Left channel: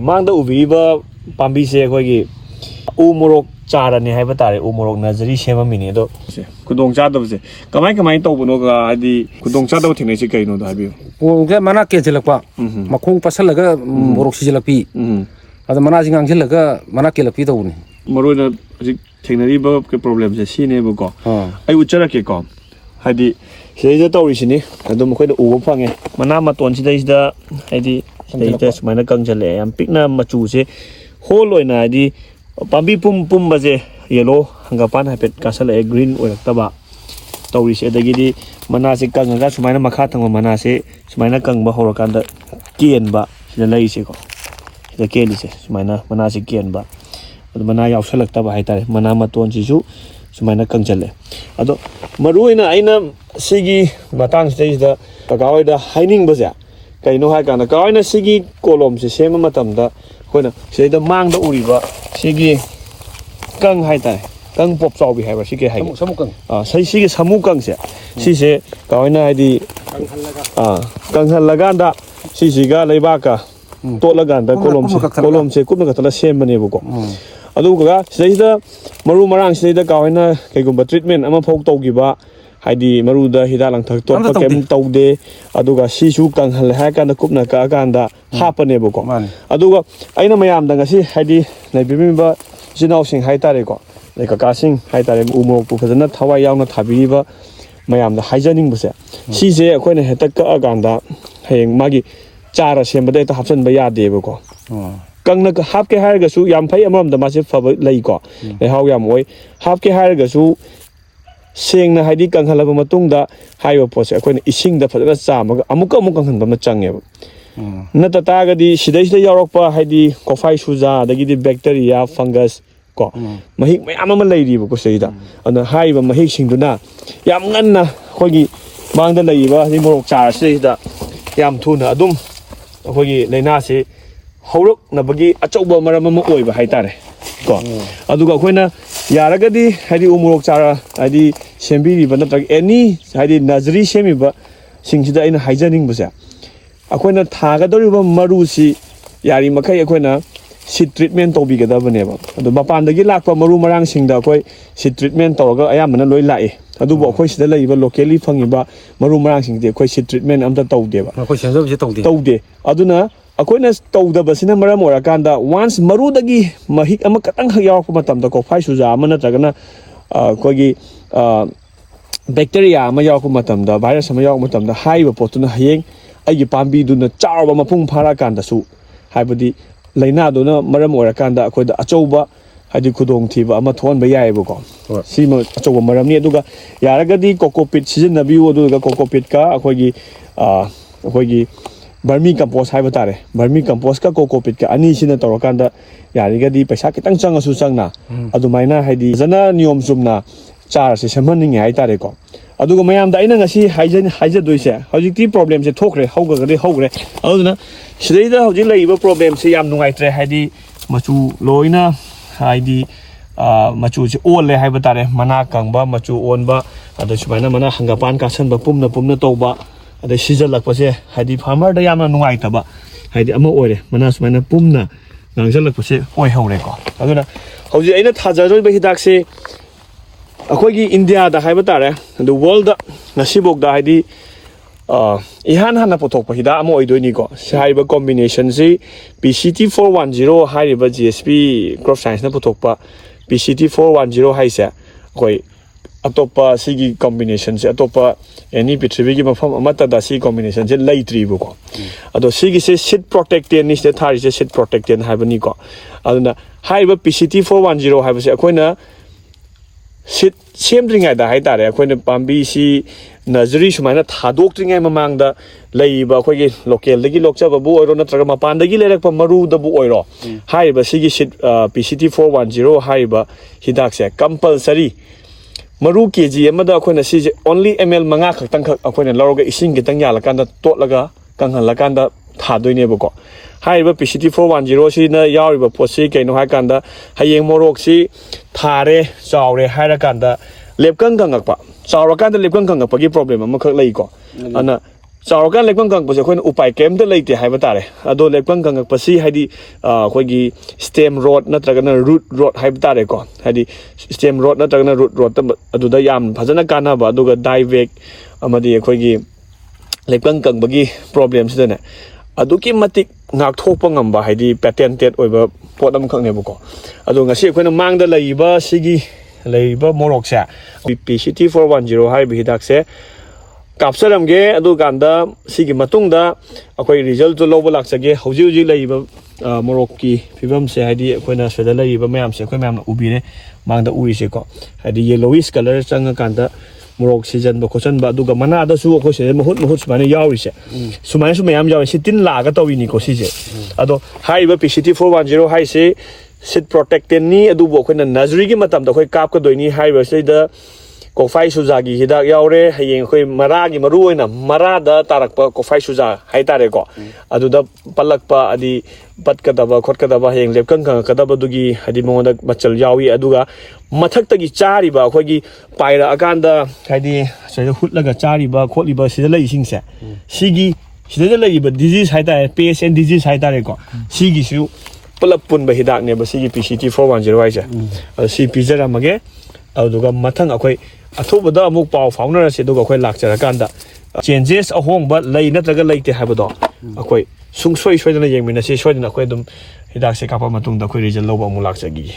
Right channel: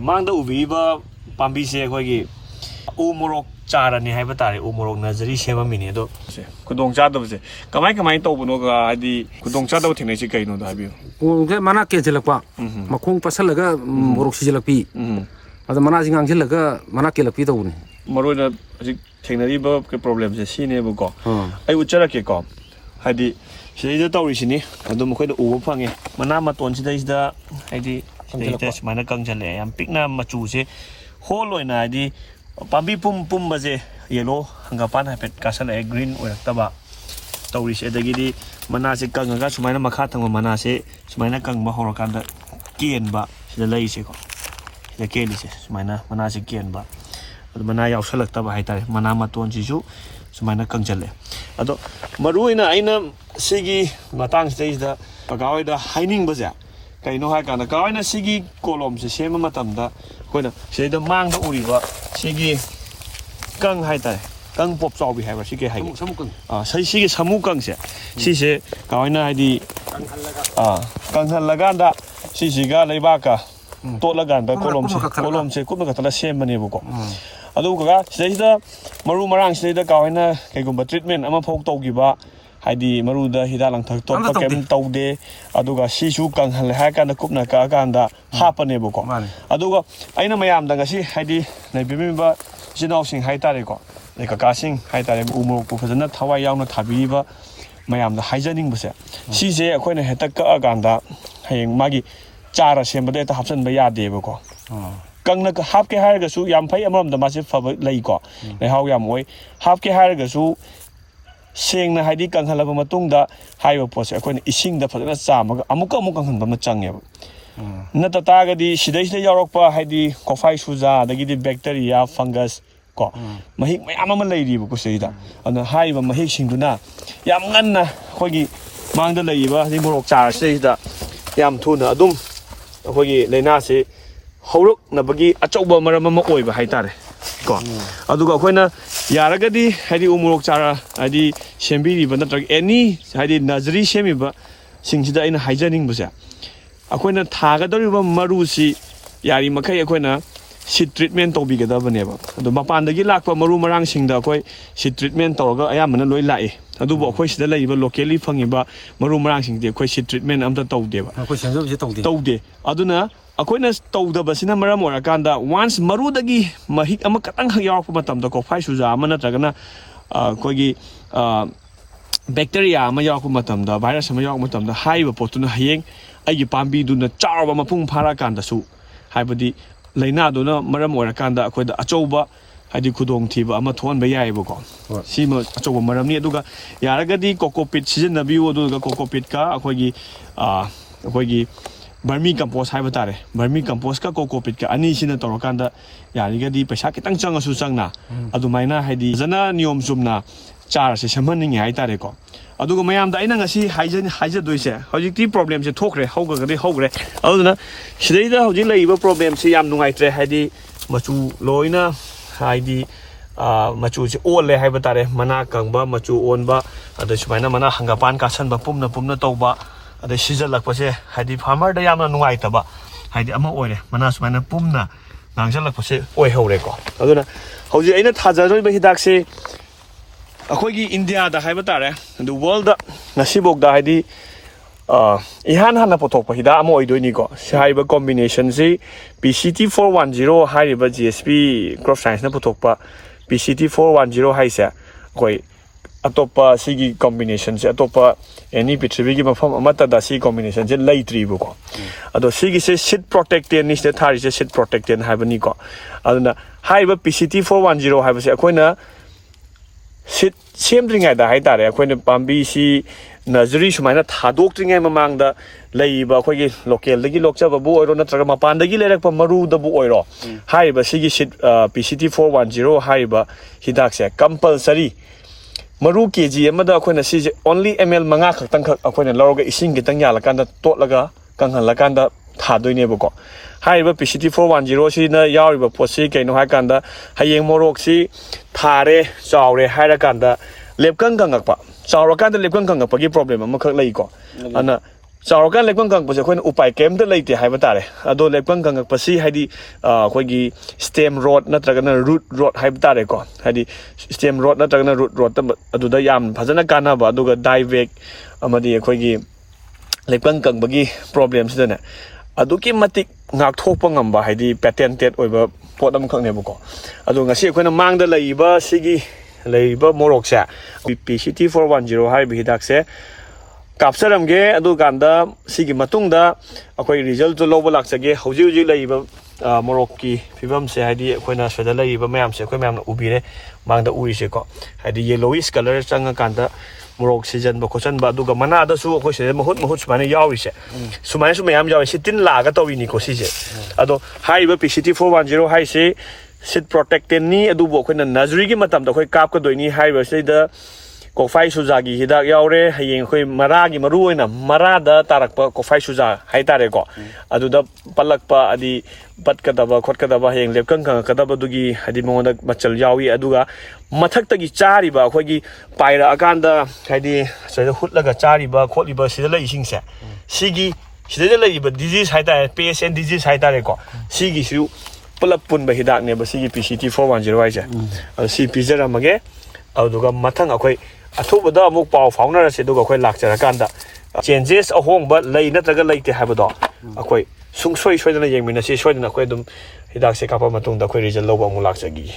ꯃꯥꯡꯗ ꯎꯕꯤꯕ ꯄꯥꯝꯕꯤꯁꯦ ꯑꯩꯈꯣꯏꯒꯤ ꯎ ꯃꯣꯔꯣꯛ ꯆꯥꯔꯅꯤ ꯍꯥꯏꯕ ꯇꯥꯔꯦ ꯎ ꯃꯣꯔꯣꯛ ꯅꯔꯖꯔꯤ ꯁꯦꯝꯃꯝꯃꯤꯅꯦ ꯑꯗꯣ ꯈꯨꯗꯣꯡ ꯆꯥꯗꯕꯁꯦ ꯀꯃꯥꯏ ꯇꯧꯕꯅꯣꯒ ꯍꯥꯏꯗꯤ ꯈꯨꯗꯣꯡ ꯆꯥꯗꯕ ꯊꯦꯡꯅꯩꯁꯤ ꯀꯩꯅꯣꯗ ꯍꯥꯏꯕꯤꯌꯨ ꯃꯣꯔꯣꯛꯁꯦ ꯃꯅꯥ ꯀꯦꯟꯁꯤꯜꯂꯛꯄ ꯃꯈꯣꯡ ꯄꯠꯁꯜꯂꯒ ꯃꯣꯔꯣꯛ ꯁꯤꯖꯤꯜꯂꯛꯄꯤ ꯑꯗ ꯃꯅꯥꯁꯤ ꯉꯥꯡꯁꯤꯜꯂꯒ ꯃꯅꯥ ꯀꯦꯜꯂꯛꯄꯤ ꯇꯧꯕꯅꯤ ꯃꯔꯨꯑꯣꯏꯅ ꯍꯧꯖꯤꯛ ꯊꯦꯡꯅꯔꯤꯕ ꯄ꯭ꯔꯣꯕ꯭ꯂꯦꯝꯁꯦ ꯁꯤꯅꯦꯕꯀꯣ ꯑꯩ ꯎꯠꯆꯔꯛꯀꯦꯀꯣ ꯍꯥꯏꯗꯤ ꯁꯤꯗꯩꯗ ꯇꯧꯔꯤꯁꯤꯅꯤ ꯑꯗꯨꯝ ꯑꯩꯈꯣꯏꯅ ꯎꯕ ꯐꯪꯉꯦ ꯃꯅꯥ ꯃꯇꯣꯟꯁꯤꯗꯩꯁꯤꯗ ꯍꯥꯏꯗꯤ ꯁꯤꯗꯩꯗ ꯁꯨꯃꯥꯏꯅ ꯀꯪꯁꯤꯜꯂꯛꯑꯦ ꯌꯥꯝ ꯄꯤꯛꯅ ꯃꯆꯨꯁꯦ ꯍꯣꯜ ꯑꯣꯏꯅ ꯍꯥꯏꯗꯤ ꯄꯥꯝꯕꯤ ꯄꯨꯝꯕꯁꯦ ꯌꯦꯂꯣ ꯍꯪꯒꯄꯥꯟ ꯍꯥꯏꯐꯦꯠ ꯀꯥꯁꯜꯂꯛꯑꯦ ꯒ꯭ꯔꯤꯟ ꯑꯣꯏꯔꯛꯇꯕ ꯇꯧꯔꯤꯁꯦ ꯑꯗꯒꯤꯗꯤ ꯃꯅꯥꯁꯦ ꯀꯪꯉꯒ ꯁꯨꯃꯥꯏꯅ ꯃꯈꯥ ꯊꯪꯕ ꯃꯅꯥꯁꯦ ꯁꯨꯃꯥꯏꯅ ꯀꯪꯕ ꯍꯧꯔꯀꯥꯟꯗ ꯀꯦꯟꯕ ꯁꯤꯗ ꯂꯩꯔꯤꯁꯦꯀꯣ ꯁꯤꯗ ꯀꯦꯜꯂꯤꯁꯦ ꯁꯨꯃꯥꯏꯅ ꯃꯅꯥꯁꯦ ꯀꯦꯟꯕ ꯑꯗꯨ ꯃꯅꯥ ꯌꯥꯎꯁꯜꯂꯛꯇꯕ ꯍꯥꯏꯇꯥꯔꯦ ꯃꯅꯥ ꯃꯇꯣꯟꯁꯤꯁꯨ ꯁꯨꯃꯥꯏꯅ ꯀꯪꯁꯤꯜꯂꯦ ꯑꯗꯣ ꯃꯔꯨꯑꯣꯏꯅ ꯑꯩꯅ ꯁꯤꯒꯤ ꯃꯇꯥꯡꯁꯤꯗꯩꯁꯤꯗ ꯀꯀꯥ ꯍꯣꯏꯗ ꯍꯥꯏꯅꯤꯡꯕꯁꯦ ꯀꯩꯅꯣ ꯍꯥꯏ ꯀꯥꯟꯗ ꯀꯀꯥ ꯍꯣꯏꯅ ꯁꯤꯒꯤ ꯀꯣꯂꯣꯝꯁꯦ ꯁꯦꯝꯕ ꯃꯇꯝꯗ ꯑꯩꯈꯣꯏꯅ ꯁꯤꯗꯩꯗ ꯃꯥꯡꯗ ꯎꯔꯤꯕ ꯁꯤꯒꯤ ꯀꯪ ꯍꯥꯏꯇꯥꯔꯦ ꯀꯪ ꯄꯣꯞ ꯆꯥꯎꯕꯤ ꯍꯥꯏꯕ꯭ꯔꯥ ꯁꯤ ꯀꯩ ꯍꯥꯏꯒꯦ ꯁꯤꯒꯤ ꯁꯥꯃꯨ ꯀꯪꯁꯦ ꯁꯤꯁꯦ ꯀꯀꯥ ꯍꯣꯏꯅ ꯍꯥꯏꯗꯤ ꯀꯪꯍꯜꯂꯀꯥꯟꯗ ꯁꯤꯁꯤꯒ ꯂꯩꯕꯥꯛꯀ ꯇꯣꯠꯂꯀꯥꯟꯗ ꯀꯣꯂꯣꯝꯁꯦ ꯀꯨꯞꯅ ꯀꯛꯊꯠꯂ ꯁꯦꯝꯕꯅꯦꯕꯀꯣ ꯑꯗꯨꯒ ꯁꯤꯗꯩꯁꯤꯗ ꯃꯔꯨ ꯃꯔꯥꯡ ꯁꯤꯗꯩꯗ ꯀꯥꯎꯅ ꯀꯩꯒꯨꯝꯕ ꯇ꯭ꯔꯤꯠꯃꯦꯟ ꯑꯃꯐꯥꯎ ꯇꯧꯈꯤꯕ ꯍꯥꯏꯗꯤ ꯃꯔꯨꯗ ꯍꯤꯗꯥꯛ ꯂꯥꯡꯊꯛ ꯇꯣꯠꯄ ꯀꯩꯝ ꯇꯧꯗꯦ ꯑꯗꯨꯒ ꯁꯤꯁꯨ ꯀꯪꯍꯜꯂꯦ ꯍꯥꯏꯔ ꯀꯥꯟꯗ ꯀꯨꯞꯅ ꯀꯛꯑꯀꯥꯟꯗ ꯍꯥꯞꯄꯅꯦꯕꯀꯣ ꯑꯗꯨꯒ ꯑꯩꯅ ꯃꯌꯥꯝꯗ ꯉꯁꯤ ꯍꯥꯏꯗꯤ ꯂꯩꯕꯤꯔꯤꯕ ꯏꯆꯤꯜ ꯏꯅꯥꯎꯁꯤꯡ ꯍꯥꯏꯇꯥꯔꯦꯀꯣ ꯑꯗꯩ ꯀꯀꯥꯁꯤꯡ ꯍꯥꯏꯇꯥꯔꯦ ꯎ ꯃꯣꯔꯣꯛꯄꯨ ꯐꯖꯅ ꯊꯋꯥꯏ ꯌꯥꯎꯅ ꯊꯥꯕꯤꯔꯤꯕ ꯃꯌꯥꯝꯗ ꯍꯥꯏꯖꯅꯤꯡꯕꯁꯦ ꯁꯤꯁꯦ ꯑꯩꯈꯣꯏꯅ ꯍꯦꯛꯇ ꯀꯛꯑꯀꯥꯟꯗ ꯍꯌꯦꯡ ꯃꯥꯒꯤ ꯆꯥꯔ ꯁꯦꯝꯕꯗ ꯍꯦꯛꯇ ꯍꯥꯞꯆꯤꯟꯕ ꯌꯥꯗꯦꯕꯀꯣ ꯀꯪꯅ ꯍꯥꯞꯀꯦ ꯍꯥꯏꯔꯒꯁꯨ ꯌꯥꯝ ꯐꯩ ꯑꯃꯔꯣꯝꯗ ꯃꯥꯁꯦ ꯐꯕ ꯂꯩꯀꯣ ꯂꯩꯍꯥꯎ ꯌꯥꯝ ꯑꯣꯏ ꯍꯥꯞꯀꯦ ꯍꯥꯏꯔꯒꯁꯨ ꯁꯦꯡꯅ ꯍꯥꯏꯗꯤ ꯀꯪꯍꯜꯂꯕ ꯃꯇꯨꯡꯗ ꯍꯥꯏꯔꯤꯕ ꯄꯣꯠꯁꯦ ꯑꯩꯈꯣꯏꯅ ꯏꯁꯤꯡꯗ ꯐꯖꯅ ꯆꯥꯝꯃꯒ ꯑꯃꯨꯛ ꯀꯪꯍꯟꯕ ꯑꯃ ꯆꯪꯉꯦꯕ ꯅꯠꯇ ꯇꯥꯔꯒꯗꯤ ꯁꯤꯗꯩꯁꯤꯗ ꯌꯥꯎꯔꯛꯄ ꯍꯥꯏꯗꯤ ꯀꯣꯐꯥꯏ ꯁꯨꯖꯥ ꯑꯗꯒꯤꯗꯤ ꯕꯦꯛꯇꯔꯤꯌꯥ ꯐꯪꯒꯁ ꯀꯣ ꯃꯍꯤꯛ ꯃꯌꯥꯝ ꯑꯃ ꯂꯩꯔꯤꯕꯀꯣ ꯁꯤꯗꯩꯗ ꯑꯗꯨꯅ ꯍꯥꯏꯔꯤꯕ ꯃꯍꯤꯛꯁꯤꯡꯗꯨꯅ ꯌꯥꯝ ꯉꯟꯅ ꯑꯩꯈꯣꯏꯒꯤ ꯃꯥꯡꯗ ꯂꯩꯔꯤꯕ ꯍꯥꯏꯗꯤ ꯃꯣꯔꯣꯛ ꯆꯥꯔꯁꯤꯗꯩꯁꯤꯗ ꯌꯥꯝ ꯊꯨꯅ ꯑꯗꯨꯝ ꯑꯩꯈꯣꯏꯒꯤ ꯂꯥꯏꯅꯥꯁꯤ ꯍꯧꯔꯛꯅꯕꯒꯤ ꯑꯆꯧꯕ ꯃꯔꯝ ꯑꯃ ꯑꯣꯏꯕ ꯍꯥꯏꯇꯥꯔꯦ ꯀꯣ ꯑꯗꯨꯒ ꯑꯩꯈꯣꯏꯅ ꯌꯥꯔꯒꯗꯤ ꯍꯥꯏꯗꯤ ꯎ ꯃꯣꯔꯣꯛ ꯆꯥꯔ ꯍꯥꯏꯗꯤ ꯁꯦꯝꯕꯤꯔꯤꯕ ꯅꯠꯇ꯭ꯔꯒ ꯑꯦꯅꯤ ꯍꯥꯏꯗꯤ ꯅꯔꯖꯔꯤ ꯁꯦꯝꯃꯤꯕ ꯁꯤꯡꯁꯤꯗ ꯑꯩꯅ ꯍꯥꯏꯖꯅꯤꯡꯕꯁꯦ ꯑꯩꯈꯣꯏꯅ ꯊꯥꯒꯗꯧꯔꯤꯕ ꯃꯔꯨꯁꯤ ꯌꯥꯔꯤꯃꯈꯩ ꯑꯩꯈꯣꯏꯅ ꯁꯤꯠ ꯇ꯭ꯔꯤꯠꯃꯦꯟ ꯇꯧꯕꯤꯒꯗꯕꯅꯦꯕ ꯑꯗꯣ ꯃꯄꯥꯟꯗꯒꯤ ꯂꯥꯛꯄ ꯃꯔꯨ ꯃꯔꯥꯡꯁꯤꯡꯗ ꯑꯩꯈꯣꯏ ꯁꯤꯠ ꯇ꯭ꯔꯤꯠꯃꯦꯟ ꯇꯧꯔꯒ ꯑꯌꯥꯝꯕꯅ ꯂꯣꯏ ꯂꯥꯛꯏ ꯑꯗꯨꯕꯨ ꯑꯩꯈꯣꯏ ꯁꯤꯗ ꯂꯩꯔꯤꯕ ꯂꯣꯀꯦꯜꯂꯤ ꯐꯪꯉꯤꯕ ꯃꯔꯨ ꯃꯔꯥꯡꯁꯤꯡꯗꯤ ꯑꯩꯈꯣꯏ ꯁꯤꯠ ꯇ꯭ꯔꯤꯠꯃꯦꯟ ꯑꯝꯇ ꯇꯧꯗꯦꯕ ꯑꯩꯈꯣꯏ ꯁꯦꯝꯖꯕꯁꯦ ꯇꯧꯗꯦ ꯑꯗꯨꯅ ꯑꯩꯈꯣꯏꯅ ꯇꯧꯗꯕꯁꯤꯅ ꯃꯔꯝ ꯑꯣꯏꯔꯀꯥꯟꯗ ꯋꯥꯟꯁ ꯃꯔꯨꯗꯒꯤ ꯃꯍꯤꯛ ꯑꯃꯈꯛꯇꯪꯈꯛ ꯌꯥꯎꯔꯛꯄ ꯃꯇꯝꯗ ꯀꯣꯐꯥꯏ ꯁꯨꯖꯥ ꯑꯃ ꯅꯠꯇ꯭ꯔꯒꯅ ꯑꯩꯈꯣꯏꯒꯤ ꯕꯦꯛꯇꯔꯤꯌꯥ ꯑꯃ ꯌꯥꯎꯔꯛꯄ ꯃꯇꯝꯗ ꯚꯥꯏꯔꯁ ꯑꯃ ꯌꯥꯎꯔꯛꯄ ꯃꯇꯝꯗ ꯍꯥꯏꯔꯤꯕ ꯄꯣꯠꯇꯨꯅ ꯍꯌꯦꯡ ꯑꯩꯒꯤ ꯄꯥꯝꯕꯤꯗꯨꯅ ꯆꯥꯎꯔꯕ ꯃꯄꯨꯡ ꯐꯥꯔꯛꯑꯀꯥꯟꯗꯁꯨ ꯍꯥꯏꯕꯗꯤ ꯂꯥꯏꯅꯥꯗꯨꯅ ꯃꯔꯝ ꯑꯣꯏꯔꯀꯥꯟꯗ ꯑꯩꯈꯣꯏꯗ ꯑꯆꯧꯕ ꯍꯥꯏꯗꯤ ꯈꯨꯗꯣꯡꯊꯤꯕ ꯑꯃ ꯊꯣꯛꯍꯟꯕ ꯌꯥꯏꯑꯕꯀꯣ ꯁꯤꯃ ꯑꯆꯧꯕ ꯃꯔꯝꯅꯤ ꯑꯗꯨꯒ ꯌꯥꯔꯒꯗꯤ ꯀꯣꯀꯣꯄꯤꯠ ꯁꯤꯖꯤꯟꯅꯕꯤꯌꯨ ꯑꯗꯨꯒ ꯀꯣꯀꯣꯄꯤꯠꯀ ꯑꯩꯈꯣꯏꯒꯤ ꯕꯔꯃꯤ ꯀꯝꯄꯣꯁ ꯍꯥꯏꯕ ꯇꯥꯔꯦ ꯕꯔꯃꯤ ꯀꯝꯄꯣꯁꯀ ꯀꯣꯀꯣꯄꯤꯠꯀ ꯑꯅꯤꯁꯤꯅ ꯇꯧꯔꯀꯥꯟꯗ ꯌꯥꯔꯤꯒꯗꯤ ꯄꯩꯁꯥ ꯈꯤꯇꯪ ꯆꯪꯉꯁꯨ ꯆꯪꯅ ꯑꯗꯨꯃꯥꯏꯅ ꯍꯥꯏꯗꯤ ꯐꯖꯅ ꯅꯤꯌꯣꯝ ꯆꯨꯝꯅ ꯆꯥꯔꯁꯦ ꯁꯦꯝꯍꯟꯅꯤꯡꯉꯦ ꯍꯥꯏꯇꯥꯔꯦꯀꯣ ꯑꯗꯨꯒ ꯃꯌꯥꯝꯗ ꯑꯩꯅ ꯉꯁꯤ ꯍꯥꯏꯖꯗꯣꯏꯁꯦ ꯍꯧꯖꯤꯛꯇꯤ ꯄ꯭ꯔꯣꯕ꯭ꯂꯦꯝꯁꯦ ꯊꯣꯛꯈ꯭ꯔꯦ ꯍꯧꯈ꯭ꯔꯦ ꯑꯗꯨꯅ ꯁꯤꯗꯩꯗ ꯍꯧꯖꯤꯛ ꯂꯩꯔꯤꯕ ꯄ꯭ꯔꯣꯕ꯭ꯂꯦꯝꯁꯤ ꯌꯥꯝ ꯅꯨꯡꯉꯥꯏꯇ꯭ꯔꯦ ꯍꯥꯏꯗꯤ ꯃꯆꯨ ꯂꯣꯏꯅ ꯍꯥꯏꯗꯤ ꯃꯆꯨꯁꯤ ꯑꯣꯜꯂꯦ ꯍꯥꯏꯕ ꯇꯥꯔꯦ ꯃꯅꯥ ꯀꯪꯕ ꯃꯆꯨ ꯑꯣꯟꯕ ꯑꯗ ꯁꯨꯃꯥꯏꯅ ꯃꯅꯥ ꯍꯪꯒꯄꯥꯟ ꯀꯥꯁꯟꯕ ꯄꯨꯝꯅ ꯇꯧꯕ ꯑꯗꯩ ꯁꯤꯖꯜꯂꯛꯄꯁꯦ ꯍꯥꯏꯗꯤ ꯐꯥꯔꯃꯔꯗ ꯌꯥꯝꯅ ꯅꯨꯡꯉꯥꯏꯇꯕ ꯍꯥꯏꯗꯤ ꯑꯃ ꯑꯣꯏꯔꯦ ꯃꯅꯥ ꯁꯨꯃꯥꯏꯅ ꯄꯨꯝꯅ ꯉꯥꯡꯁꯤꯜꯂꯛꯄꯁꯦ ꯑꯣꯏꯍꯧꯔꯦꯀꯣ ꯑꯗꯨꯅ ꯍꯧꯖꯤꯛ ꯑꯩꯅ ꯊꯥꯖꯔꯤꯕ ꯍꯤꯗꯥꯛꯁꯤ ꯑꯩꯈꯣꯏꯒꯤ ꯏꯟꯗꯤꯌꯥꯗ ꯍꯥꯏꯕ ꯇꯥꯔꯦ ꯑꯗꯨ ꯋꯥꯔꯜꯗ ꯉꯁꯤꯐꯥꯎꯗ ꯍꯥꯏꯗꯤ ꯏꯍꯥꯟ ꯍꯥꯟꯅ ꯄꯨꯊꯣꯛꯄ ꯍꯤꯗꯥꯛ ꯑꯃ ꯑꯣꯏꯗꯣꯏꯅꯤꯀꯣ ꯁꯤ ꯍꯥꯏꯔꯤꯕ ꯀꯣꯝꯕꯤꯅꯦꯁꯟꯁꯤ PCT410 ꯍꯥꯏꯔꯤꯕ GSP ꯀ꯭ꯔꯣꯞ ꯁꯥꯏꯟꯁꯅ ꯄꯨꯊꯣꯛꯄ PCT410 ꯍꯥꯏꯁꯦ ꯑꯩꯈꯣꯏ ꯑꯇꯣꯞꯄ ꯁꯤꯒꯤ ꯀꯣꯝꯕꯤꯅꯦꯁꯟꯁꯦ ꯑꯇꯣꯞꯄ ꯑꯦꯅꯤ ꯄ꯭ꯔꯤꯊꯤꯕꯤꯒꯤ ꯃꯐꯝ ꯑꯃꯠꯇꯗ ꯁꯤ ꯀꯣꯝꯕꯤꯅꯦꯁꯟꯁꯦ ꯂꯩꯇ꯭ꯔꯤꯕꯀꯣ ꯑꯗꯣ ꯁꯤꯒꯤꯁꯦ ꯁꯤꯠ ꯄ꯭ꯔꯣꯇꯦꯛꯇꯦꯟꯅꯤ ꯁꯤꯗ ꯊꯥꯔꯤꯁꯦ ꯁꯤꯠ ꯄ꯭ꯔꯣꯇꯦꯛꯇꯦꯟ ꯍꯥꯏꯕꯅꯤꯀꯣ ꯑꯗꯨꯅ ꯍꯥꯏꯔꯤꯕ PCT410 ꯍꯥꯏꯕꯁꯦ ꯑꯩꯈꯣꯏꯅ ꯁꯤꯠ ꯁꯦꯝꯗ꯭ꯔꯤꯉꯩꯗ ꯍꯥꯏꯇꯥꯔꯦ ꯑꯩꯈꯣꯏꯅ ꯄꯥꯝꯕꯤꯁꯤ ꯅꯔꯖꯔꯤ ꯁꯨꯃꯥꯏꯅ ꯊꯥꯗꯣꯛꯇ꯭ꯔꯤꯉꯩ ꯃꯃꯥꯡꯗ ꯂꯩꯔꯤꯕ ꯑꯩꯈꯣꯏꯒꯤ ꯂꯣꯀꯦꯜꯗꯒꯤ ꯂꯣꯛꯆꯕꯕꯨ ꯑꯣꯏꯔꯣ ꯅꯠꯇ꯭ꯔꯒ ꯃꯄꯥꯟꯗꯒꯤ ꯂꯩꯔꯛꯄ ꯃꯔꯨꯗꯕꯨ ꯑꯣꯏꯔꯣ ꯍꯥꯏꯔꯤꯕ ꯁꯤꯒꯤ ꯁꯤꯠ PCT410 ꯍꯥꯏꯔꯤꯕ ꯍꯤꯗꯥꯛꯁꯦ ꯀꯝꯄꯜꯁꯔꯤ ꯃꯔꯨ KG ꯑꯃꯗ ꯑꯩꯈꯣꯏꯅ ꯁꯤꯁꯦ ꯑꯣꯟꯂꯤ ml 5 ꯈꯛꯇꯪꯈꯛ ꯑꯩꯈꯣꯏꯅ ꯂꯧꯔꯒ ꯏꯁꯤꯡ ꯈꯤꯇꯪ ꯌꯥꯜꯂꯀꯥꯟꯗ ꯇꯣꯠꯂꯒ ꯀꯪꯍꯜꯂꯀꯥꯟꯗ ꯊꯥꯗꯣꯏꯅꯦꯕꯀꯣ ꯍꯥꯏꯔꯤꯕ PCT410 ꯁꯤꯅ ꯌꯥꯎꯔꯤꯕ ꯄꯣꯠꯁꯤ ꯀꯩꯅꯣ ꯍꯥꯏꯀꯥꯟꯗ ꯍꯌꯦꯡ ꯃꯣꯔꯣꯛꯁꯤ ꯊꯥꯔꯦ ꯆꯥꯎꯔꯦ ꯍꯥꯏꯔꯀꯥꯟꯗ ꯂꯦꯞꯀꯪ ꯀꯪꯉꯛꯄ ꯆꯥꯎꯔꯀꯥꯟꯗ ꯂꯦꯞꯀꯪ ꯀꯪꯉꯛꯄꯒꯤ ꯄ꯭ꯔꯣꯕ꯭ꯂꯦꯝ ꯑꯃꯈꯛ ꯂꯩꯀꯣ ꯑꯗꯨꯅ ꯆꯥꯎꯔꯀꯥꯟ ꯂꯩꯄꯪ ꯀꯪꯉꯛꯄꯁꯦ ꯑꯩꯈꯣꯏꯅ ꯎꯄꯥꯏ ꯀꯩꯝꯇ ꯂꯩꯇꯦ ꯍꯥꯏꯕ ꯇꯥꯔꯦ ꯑꯗꯣ ꯂꯩꯄꯪ ꯀꯪꯉꯛꯄꯁꯤ ꯍꯥꯏꯗꯤ ꯑꯩꯈꯣꯏꯒꯤ ꯁ꯭ꯇꯦꯝ ꯔꯣꯠ ꯅꯠꯇ꯭ꯔꯒꯅ ꯔꯨꯠ ꯔꯣꯠ ꯍꯥꯏꯕ ꯇꯥꯔꯦꯀꯣ ꯍꯥꯏꯗꯤ ꯁ꯭ꯇꯦꯝ ꯔꯣꯠ ꯅꯠꯇ꯭ꯔꯒꯅ ꯔꯨꯠ ꯔꯣꯠꯇ ꯑꯗꯨꯗ ꯌꯥꯝ ꯐꯖꯅ ꯀꯥꯟꯅꯕ ꯑꯗꯨꯒ ꯗꯥꯏꯕꯦꯛ ꯑꯃꯗꯤ ꯑꯩꯈꯣꯏꯒꯤ ꯂꯩꯄꯪ ꯀꯪꯕꯒꯤ ꯄ꯭ꯔꯣꯕ꯭ꯂꯦꯝꯁꯤꯗꯅꯦ ꯑꯗꯨꯛꯀꯤ ꯃꯇꯤꯛ ꯉꯥꯛꯊꯣꯛꯄ ꯉꯝꯕ ꯍꯥꯏꯗꯤ ꯄꯦꯇꯦꯟꯇꯦꯠ ꯑꯣꯏꯕ ꯄꯣꯠ ꯑꯃꯈꯛꯅꯦꯕꯀꯣ ꯑꯗꯣ ꯉꯁꯤ ꯑꯩꯈꯣꯏꯅ ꯃꯥꯡꯗ ꯂꯩꯔꯤꯕ ꯁꯤꯒꯤ ꯂꯩꯔꯤꯕ ꯃꯣꯔꯣꯛꯁꯦ PCT410 ꯍꯥꯏꯔꯤꯕ ꯍꯤꯗꯥꯛꯁꯦ ꯀꯥꯞꯆꯔꯝꯒꯦ ꯑꯗꯨꯀꯥꯟꯗ ꯁꯤꯒꯤ ꯃꯇꯨꯡꯗ ꯑꯩꯈꯣꯏ ꯔꯤꯖꯜꯇꯨ ꯂꯧꯕ ꯂꯥꯛꯆꯒꯦ ꯍꯧꯖꯤꯛ ꯍꯧꯖꯤꯛ ꯂꯩꯔꯤꯕ ꯃꯣꯔꯣꯛꯀꯤ ꯐꯤꯕꯝꯁꯦ ꯍꯥꯏꯗꯤ ꯑꯩꯈꯣꯏꯅ ꯁꯤꯗ ꯂꯩꯔꯤꯕ ꯃꯌꯥꯝꯁꯦ ꯑꯩꯈꯣꯏ ꯃꯌꯥꯝꯅ ꯎꯕꯤꯔꯦ ꯃꯥꯡꯗ ꯎꯔꯤꯁꯦꯀꯣ ꯍꯥꯏꯗꯤ ꯌꯦꯜꯂꯣꯋꯤꯁ ꯀꯂꯔ ꯆꯪꯉꯀꯥꯟꯗ ꯃꯣꯔꯣꯛ ꯁꯤꯖꯟꯕ ꯈꯣꯠꯆꯟꯕ ꯑꯗꯨꯒ ꯃꯅꯥꯗꯁꯨ ꯑꯩꯈꯣꯏ ꯁꯤꯗ ꯃꯍꯨꯠ ꯁꯨꯃꯥꯏꯅ ꯌꯥꯎꯔꯤꯁꯦ ꯁꯨꯃꯥꯏꯅꯁꯨ ꯃꯌꯥꯝ ꯌꯥꯎꯋꯤ ꯁꯤ ꯇꯤꯟ ꯂꯥꯛꯑꯒ ꯇꯧꯔꯤꯅꯤꯀꯣ ꯁꯤꯁꯦ ꯑꯗꯣ ꯍꯥꯏꯔꯤꯕ PCT410 ꯍꯥꯏꯁꯤ ꯁꯤꯠ ꯄ꯭ꯔꯣꯇꯦꯛꯇꯦꯟꯅꯤ ꯑꯗꯨꯕꯨ ꯑꯩꯈꯣꯏꯅ ꯅꯔꯖꯔꯤꯒꯤ ꯃꯇꯝꯗ ꯑꯩꯈꯣꯏ ꯀꯥꯞꯀꯗꯣꯏꯅꯤ ꯍꯥꯏꯔꯤꯕꯁꯤꯗ ꯀꯣꯐꯥꯏ ꯁꯨꯖꯥꯒꯤ ꯍꯤꯗꯥꯛ ꯌꯥꯎꯔꯦ ꯍꯌꯦꯡ ꯑꯩꯈꯣꯏ ꯃꯔꯥꯒꯤ ꯃꯔꯨ ꯑꯣꯏꯅ ꯃꯔꯥꯗ ꯇꯥꯔꯛꯄ ꯀꯣꯐꯥꯏ ꯁꯨꯖꯥ ꯍꯥꯏꯇꯥꯔꯦꯀꯣ ꯑꯗꯨꯗ ꯄꯠꯂꯛꯄ ꯍꯥꯏꯗꯤ ꯄꯠꯀꯗꯕ ꯈꯣꯠꯀꯗꯕ ꯍꯌꯦꯡ ꯂꯦꯞꯀꯪ ꯀꯪꯉꯛꯀꯗꯕꯗꯨꯒꯤ ꯍꯥꯏꯗꯤ ꯃꯉꯣꯟꯗ ꯃꯆꯜ ꯌꯥꯎꯏ ꯑꯗꯨꯒ ꯃꯊꯛꯇꯒꯤ ꯆꯥꯔꯤꯕ ꯑꯩꯈꯣꯏꯒꯤ ꯄꯥꯏꯔꯛꯑꯀꯥꯟꯗ ꯍꯥꯏꯗꯤ ꯁꯤꯗ ꯍꯨꯠꯂꯒ ꯆꯥꯔꯤꯕ ꯈꯣꯠꯂꯤꯕ ꯁꯤꯗ ꯂꯩꯔꯤꯁꯤꯡꯁꯦ ꯁꯤꯒꯤ ꯁꯤꯗ ꯂꯩꯔꯤꯕ ꯗꯤꯖꯤꯖ ꯍꯥꯏꯇꯥꯔꯦ ꯄꯦꯁ ꯑꯦꯟ ꯗꯤꯖꯤꯖ ꯍꯥꯏꯇꯥꯔꯦꯀꯣ ꯁꯤꯒꯤꯁꯨ ꯄꯨꯂꯞ ꯄꯨꯟꯕ ꯍꯤꯗꯥꯛꯅꯦꯕ ꯁꯤꯒꯤ PCT410 ꯍꯥꯏꯁꯦ ꯑꯗꯣ ꯁꯤ ꯄꯤꯖꯔꯝꯃꯒꯦ ꯑꯗꯨꯒ ꯃꯊꯪ ꯑꯩꯈꯣꯏ ꯑꯊꯨꯕꯗ ꯑꯃꯨꯛ ꯄꯥꯎ ꯐꯥꯎꯅꯔꯁꯤ ꯑꯗꯨꯒ ꯑꯩꯈꯣꯏ ꯂꯥꯛꯆꯔꯀꯥꯟꯗ ꯆꯦꯟꯖꯦꯁ ꯑꯍꯣꯡꯕ ꯂꯩ ꯅꯠꯇ꯭ꯔꯒ ꯂꯩꯇꯦ ꯍꯥꯏꯕꯗꯣ ꯑꯩꯈꯣꯏ ꯁꯨꯡꯁꯣꯏ ꯁꯣꯏꯗꯅ ꯌꯦꯡꯃꯤꯟꯅꯁꯤ ꯁꯣꯏꯗꯅ ꯑꯩꯈꯣꯏ ꯑꯗꯨꯝ ꯍꯤꯗꯥꯛꯁꯦ ꯀꯥꯞꯄ ꯃꯇꯨꯡꯗ ꯑꯩꯈꯣꯏ ꯔꯤꯖꯜ ꯂꯧꯕ ꯑꯃꯨꯛ ꯂꯥꯛꯆꯈꯤꯒꯦ